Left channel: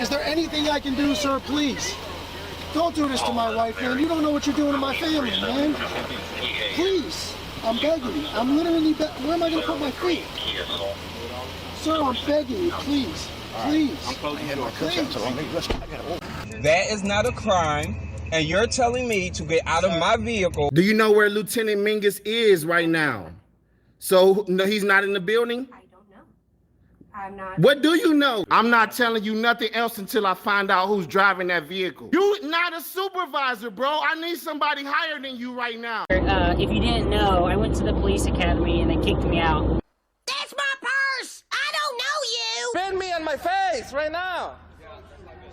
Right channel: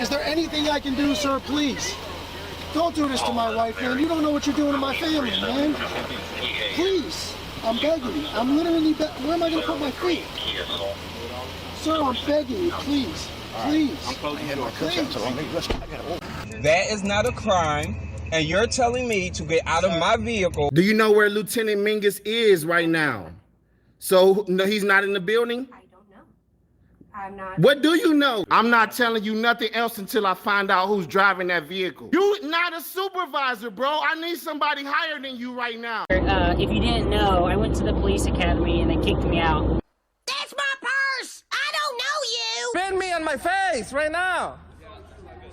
Is there anything I can do, sir? Please. Don't do this to my wife, man. You don't know what you're doing to my family, man. Please. I'm begging you. I'm literally where am I going to put my feet? Sir, I'm begging you. Please. Please. Please. That is not a crime, and you're telling me to get out of my vehicle. Do you know where Lieutenant Mingus is right now? So, no, he's not in the building? I don't know. I'm not. What do you know? I'm not telling you nothing else until I find out who's driving that vehicle. You're not a supervisor, bro. I need somebody higher than you right now. If you didn't know, I went to the police academy and they kicked me out. That's my purse! I don't know you! Spit me on my face right now.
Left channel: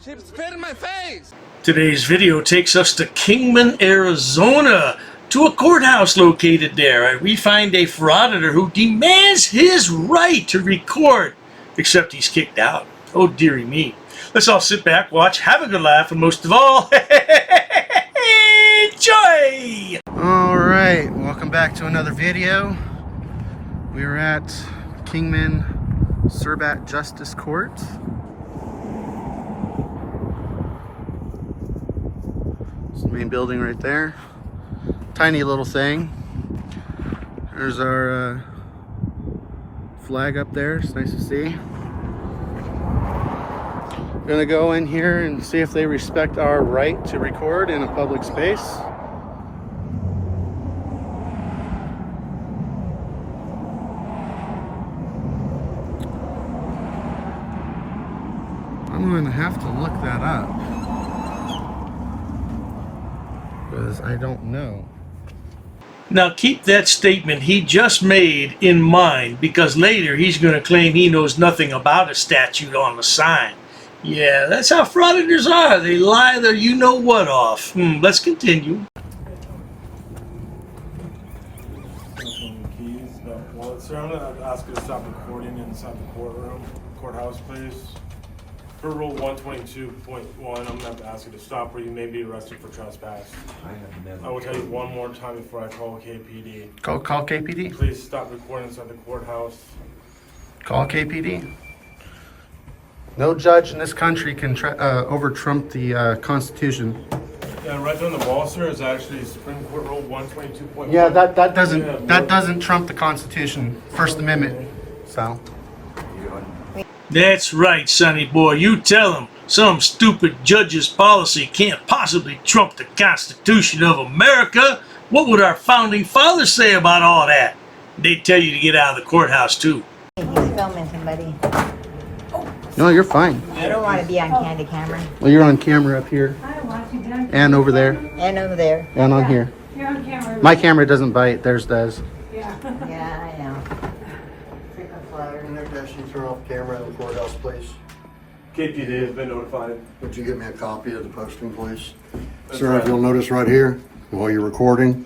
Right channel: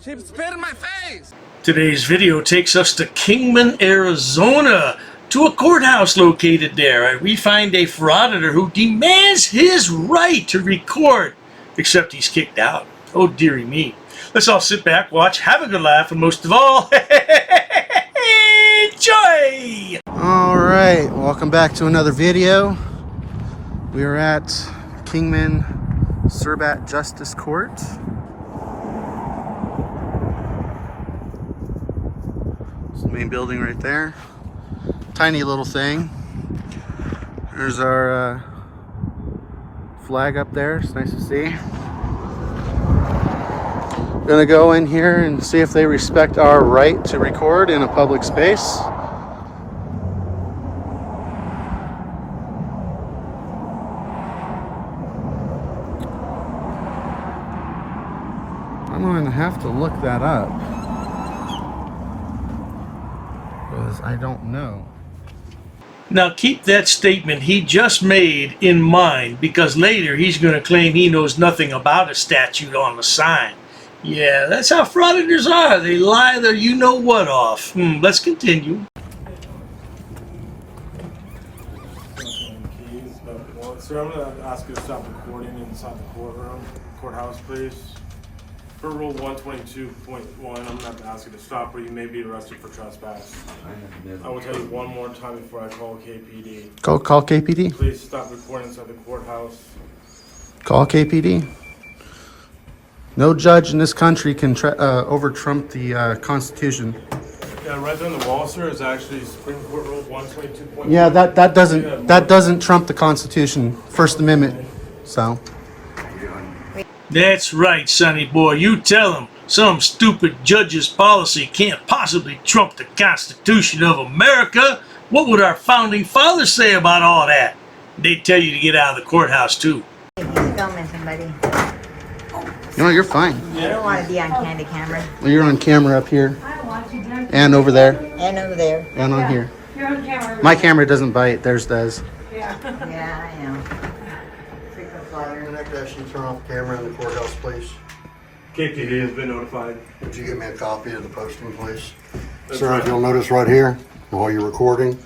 She spit in my face. Today's video takes us to Kingman, Arizona, to a courthouse located there, and we find a frauditor who demands his right to record, except he's kicked out. Oh dearie me. Let's all sit back, watch, have a good laugh, and most of all, enjoy! Alright, welcome back to another video. We are at Kingman Surbat Justice Court. It's the main building right there. Tiny little thing. There's our flag up there. It's nice to see. Gonna go in here and see if they respect our right to record in a public space. I'm gonna have to look that up because I don't know. Now keep that statement he just made in mind, because later he's going to claim he knows nothing about a statute on the sign. Yeah, that's how frauditors are. They lie their you-know-what off. Let's continue. Sir, I'm going to ask you to stop recording inside the courthouse, please. For Rule 122.1, I'm going to have to ask you to stop or you may be arrested for trespass. I will tell you one more time before I call KPD. Call KPD? Please stop recording inside the courthouse. Call KPD. No judge in this country can over-trump the Constitution. Yeah, right there on the wall, sir, is actually Supreme Court Rule 122.1. Yeah, that doesn't trump the Constitution, First Amendment. So. That's right, sonny boy. You tell him. Some stupid judge's policy can't possibly trump the Constitution of America. What would our founding fathers say about all that? They'd tell you to get out of the courthouse, too. Filming somebody. No, you're fine. I don't want to be on candy camera. Well, you're on camera up here. And over there. And over there. And on here. You're on camera. My camera doesn't bite, theirs does. Yeah, I know. Freaking flyer. Can you turn off the camera in the courthouse, please? KPD has been notified. Would you give me a copy of the posting, please? Sir, if you'll notice right here, while you're recording,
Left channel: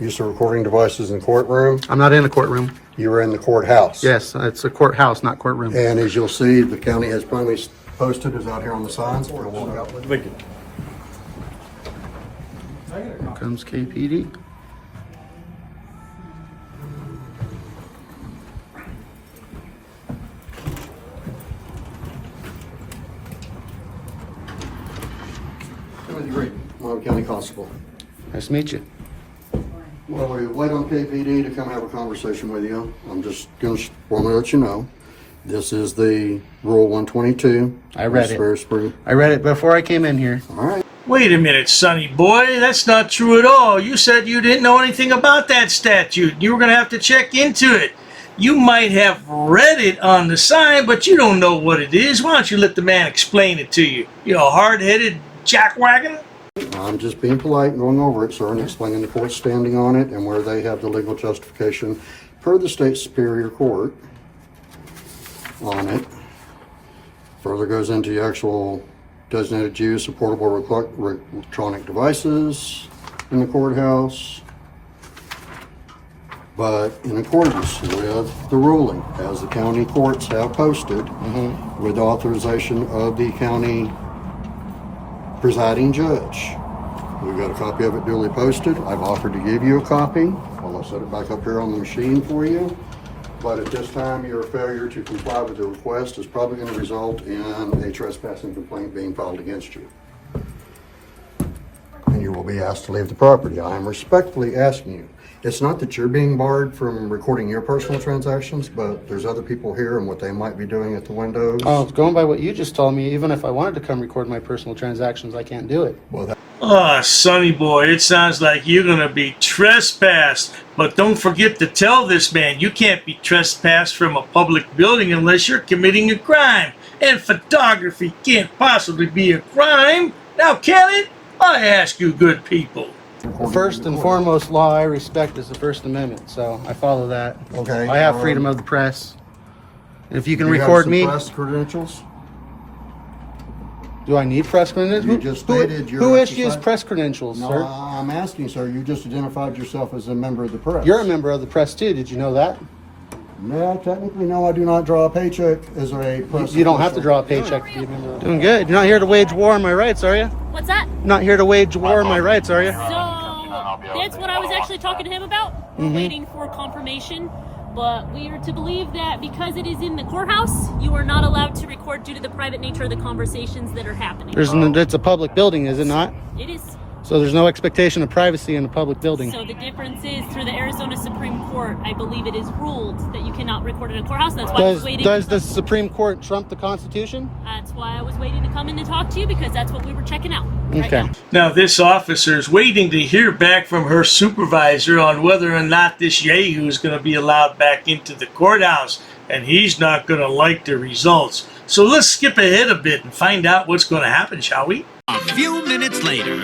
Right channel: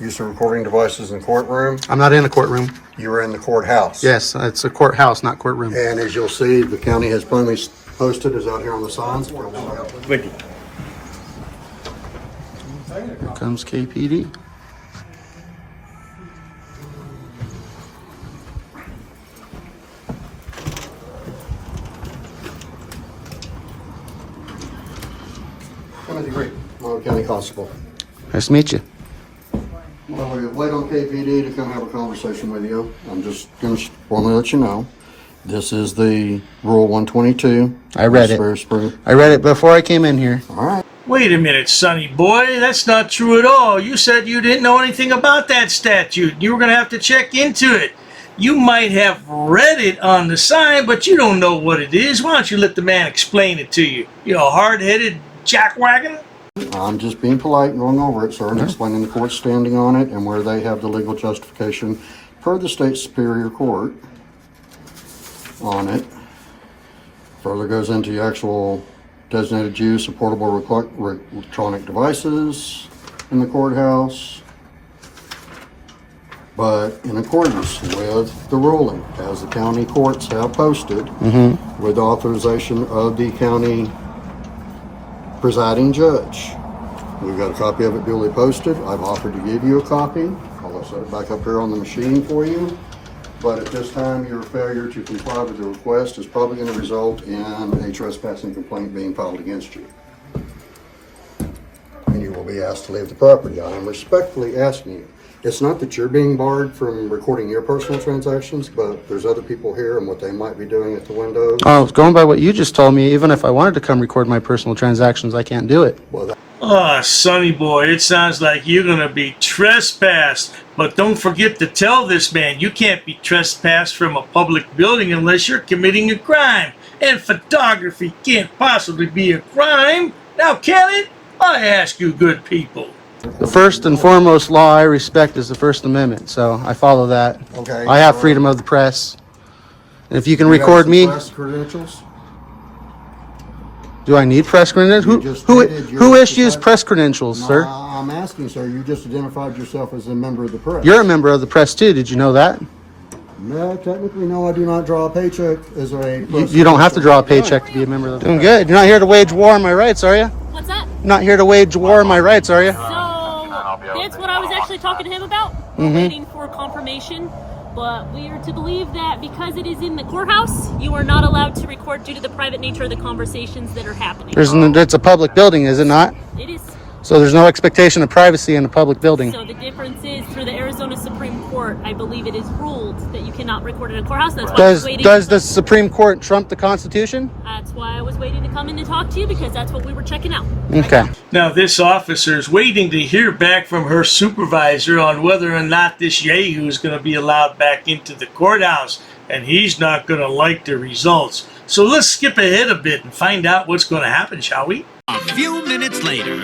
use of recording devices in the courtroom. I'm not in the courtroom. You are in the courthouse. Yes, it's a courthouse, not courtroom. And as you'll see, the county has plainly posted is out here on the signs. Thank you. Here comes KPD. Timothy Great, Monroe County Constable. Nice to meet you. Well, we wait on KPD to come have a conversation with you. I'm just going to want to let you know. This is the Rule 122. I read it. I read it before I came in here. All right. Wait a minute, sonny boy. That's not true at all. You said you didn't know anything about that statute. You were going to have to check into it. You might have read it on the sign, but you don't know what it is. Why don't you let the man explain it to you? You hard-headed jackwagon? I'm just being polite and going over it, sir, and explaining the court's standing on it and where they have the legal justification per the state superior court on it. Further goes into the actual designated use of portable electronic devices in the courthouse. But in accordance with the ruling, as the county courts have posted, with authorization of the county presiding judge. We've got a copy of it duly posted. I've offered to give you a copy. I'll set it back up here on the machine for you. But at this time, your failure to comply with the request is probably going to result in a trespassing complaint being filed against you. And you will be asked to leave the property. I am respectfully asking you. It's not that you're being barred from recording your personal transactions, but there's other people here and what they might be doing at the windows. Oh, going by what you just told me, even if I wanted to come record my personal transactions, I can't do it. Well, Oh, Sonny boy, it sounds like you're gonna be trespassed. But don't forget to tell this man you can't be trespassed from a public building unless you're committing a crime. And photography can't possibly be a crime. Now, can it? I ask you good people. The first and foremost law I respect is the First Amendment, so I follow that. Okay. I have freedom of the press. And if you can you record got me, some press credentials? do I need press credentials? You just stated your Who issues exercise- press credentials, sir? I'm asking, sir. You just identified yourself as a member of the press. You're a member of the press too. Did you know that? No, technically, no. I do not draw a paycheck as a press. You don't have to draw a paycheck to be a member of the press. Doing good. You're not here to wage war on my rights, are you? What's that? You're not here to wage war on my rights, are you? So that's what I was actually talking to him about. We're waiting for confirmation, but we are to believe that because it is in the courthouse, you are not allowed to record due to the private nature of the conversations that are happening. It's a public building, is it not? It is. So there's no expectation of privacy in a public building. So the difference is, through the Arizona Supreme Court, I believe it is ruled that you cannot record in a courthouse. That's why I was waiting. Does the Supreme Court trump the Constitution? That's why I was waiting to come in to talk to you, because that's what we were checking out. Okay. Now, this officer is waiting to hear back from her supervisor on whether or not this Yahoo is going to be allowed back into the courthouse, and he's not going to like the results. So let's skip ahead a bit and find out what's going to happen, shall we? A few minutes later.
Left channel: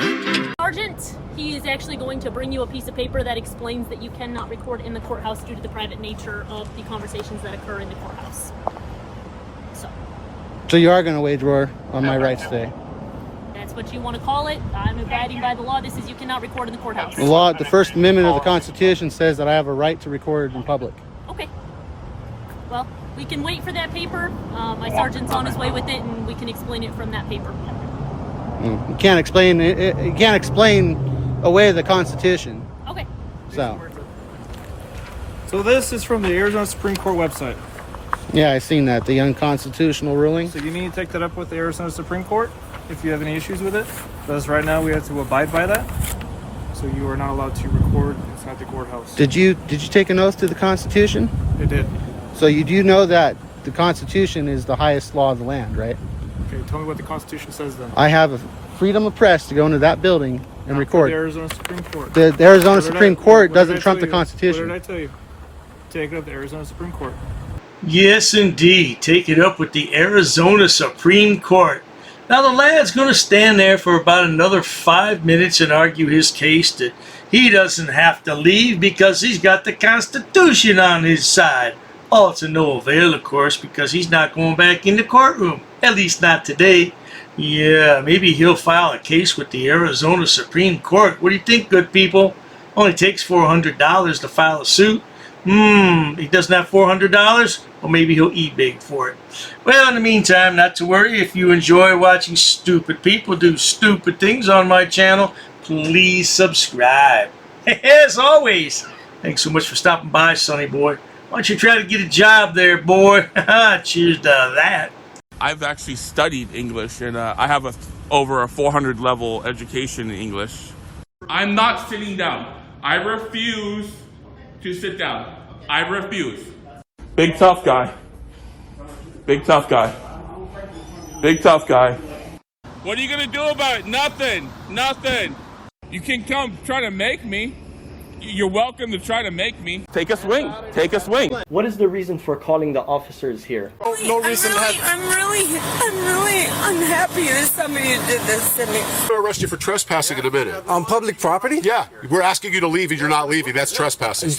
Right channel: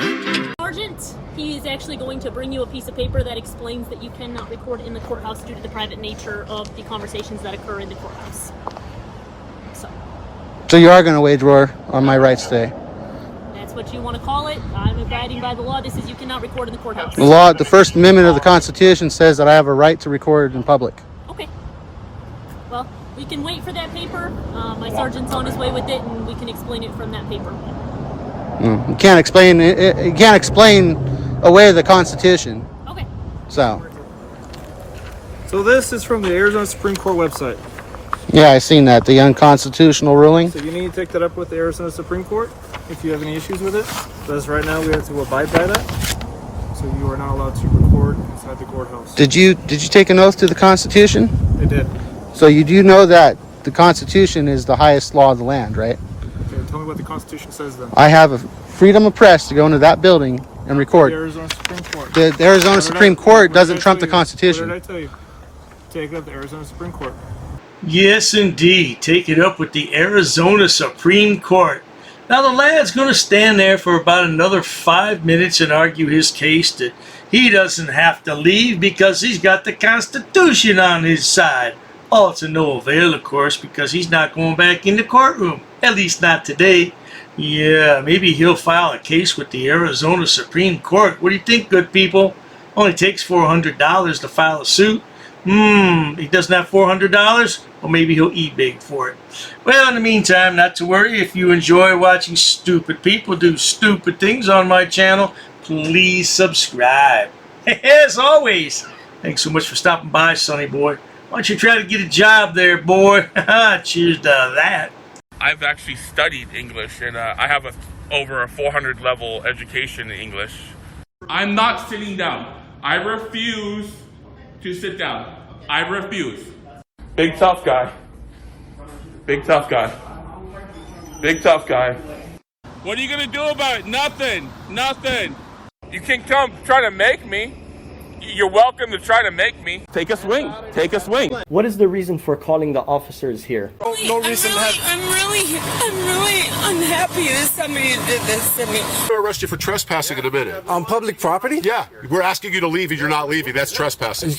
Sergeant, he is actually going to bring you a piece of paper that explains that you cannot record in the courthouse due to the private nature of the conversations that occur in the courthouse. So you are going to wage war on my rights today? That's what you want to call it. I'm abiding by the law. This is, you cannot record in the courthouse. The law, the First Amendment of the Constitution says that I have a right to record in public. Okay. Well, we can wait for that paper. My sergeant's on his way with it, and we can explain it from that paper. You can't explain you can't explain away the Constitution. Okay. So this is from the Arizona Supreme Court website. yeah, I seen that, the unconstitutional ruling. So you need to take that up with the Arizona Supreme Court if you have any issues with it. Because right now we have to abide by that. So you are not allowed to record inside the courthouse. Did you take an oath to the Constitution? I did. So you do know that the Constitution is the highest law of the land, right? Okay, tell me what the Constitution says then. I have a freedom of press to go into that building and record. The Arizona Supreme Court. The Arizona Supreme Court doesn't trump the What Constitution. did I tell you? Take it up to the Arizona Supreme Court. Yes, indeed. Take it up with the Arizona Supreme Court. Now, the lad's going to stand there for about another 5 minutes and argue his case that he doesn't have to leave because he's got the Constitution on his side. All to no avail, of course, because he's not going back in the courtroom. At least not today. Yeah, maybe he'll file a case with the Arizona Supreme Court. What do you think, good people? Only takes $400 to file a suit. He doesn't have $400? Well, maybe he'll eBay for it. Well, in the meantime, not to worry. If you enjoy watching stupid people do stupid things on my channel, please subscribe. As always, thanks so much for stopping by, Sonny boy. Why don't you try to get a job there, boy? Cheers to that. I've actually studied English, and I have over a 400 level education in English. I'm not sitting down. I refuse to sit down. I refuse. Big tough guy. Big tough guy. Big tough guy. What are you gonna do about it? Nothing. Nothing. You can come try to make me. You're welcome to try to make me. Take a swing. Take a swing. What is the reason for calling the officers here? No reason. I'm really unhappy that somebody did this to me. I'm gonna arrest you for trespassing in a minute. On public property? Yeah, we're asking you to leave and you're not leaving. That's trespassing.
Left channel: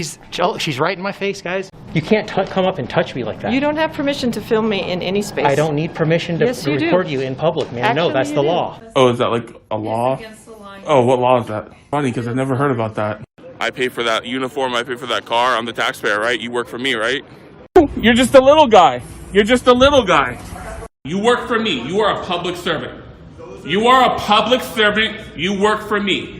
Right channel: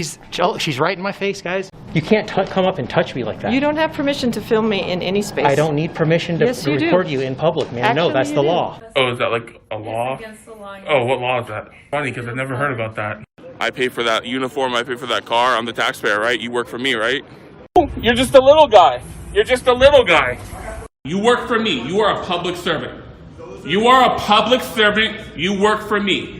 She's right in my face, guys. You can't come up and touch me like that. You don't have permission to film me in any space. I don't need permission to Yes, you do. record you in public, man. No, that's the law. Oh, is that like a law? It's against the law. Oh, what law is that? Funny, because I've never heard about that. I pay for that uniform, I pay for that car, I'm the taxpayer, right? You work for me, right? You're just a little guy. You're just a little guy. You work for me. You are a public servant. You are a public servant. You work for me.